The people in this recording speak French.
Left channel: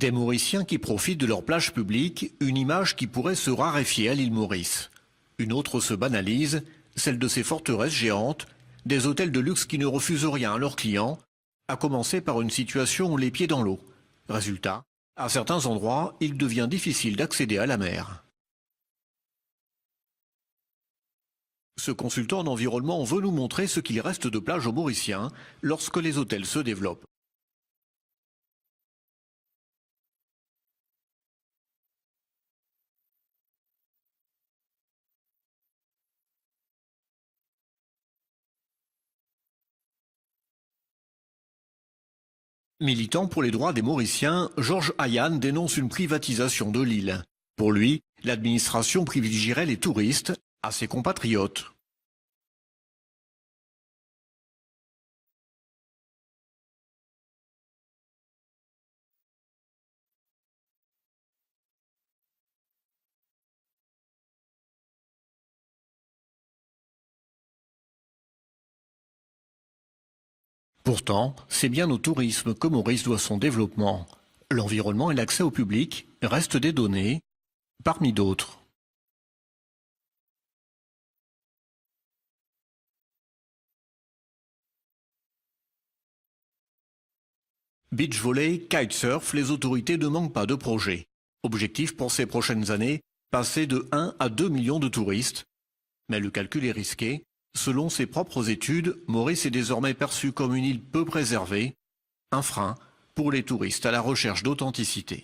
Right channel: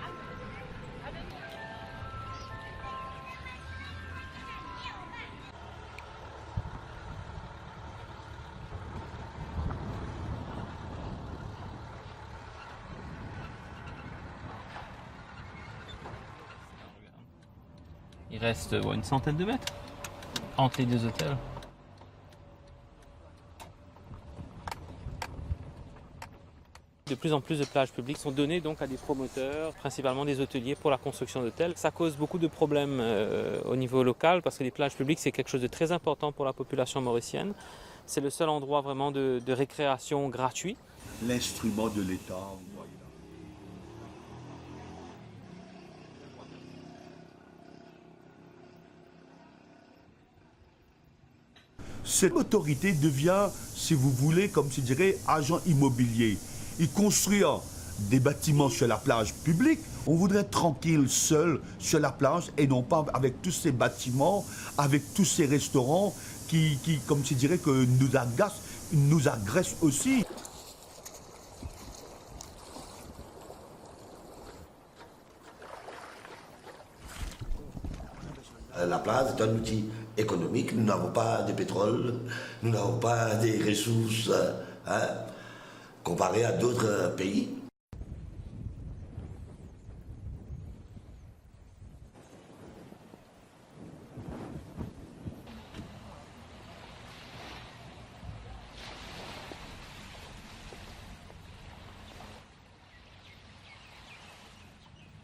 Des Mauriciens qui profitent de leur plage publique, une image qui pourrait se raréfier à l'île Maurice. Une autre se banalise, celle de ces forteresses géantes, des hôtels de luxe qui ne refusent rien à leurs clients, à commencer par une situation les pieds dans l'eau. Résultat, à certains endroits, il devient difficile d'accéder à la mer. Il reste une centaine de mètres entre les deux hôtels. Ce consultant en environnement veut nous montrer ce qu'il reste de plages aux Mauriciens lorsque les hôtels se développent. De plus en plus de plages publiques sont données donc à des promoteurs, principalement des hôteliers pour la construction d'hôtels. Ça cause beaucoup de problèmes au niveau local parce que les plages publiques c'est quelque chose de très important pour la population mauricienne. C'est le seul endroit vraiment de récréation gratuit. L'instrument de l'État. Militant pour les droits des Mauriciens, Georges Hayan dénonce une privatisation de l'île. Pour lui, l'administration privilégierait les touristes à ses compatriotes. Cette autorité devient, si vous voulez, comme je dirais, agent immobilier. Il construit des bâtiments sur la plage publique. On voudrait être tranquille, seul, sur la plage, et non pas avec tous ces bâtiments, avec tous ces restaurants qui comme je dirais, que nous agacent, nous agressent aussi. Pourtant, c'est bien au tourisme que Maurice doit son développement. L'environnement et l'accès au public restent des données, parmi d'autres. La plage est un outil économique. Nous n'avons pas de pétrole, nous n'avons pas des ressources comparées à d'autres pays. Beach volley, kitesurf, les autorités ne manquent pas de projets. Objectif pour ces prochaines années, passer de 1 à 2 millions de touristes. Mais le calcul est risqué. Selon ses propres études, Maurice est désormais perçu comme une île peu préservée, un frein pour les touristes à la recherche d'authenticité.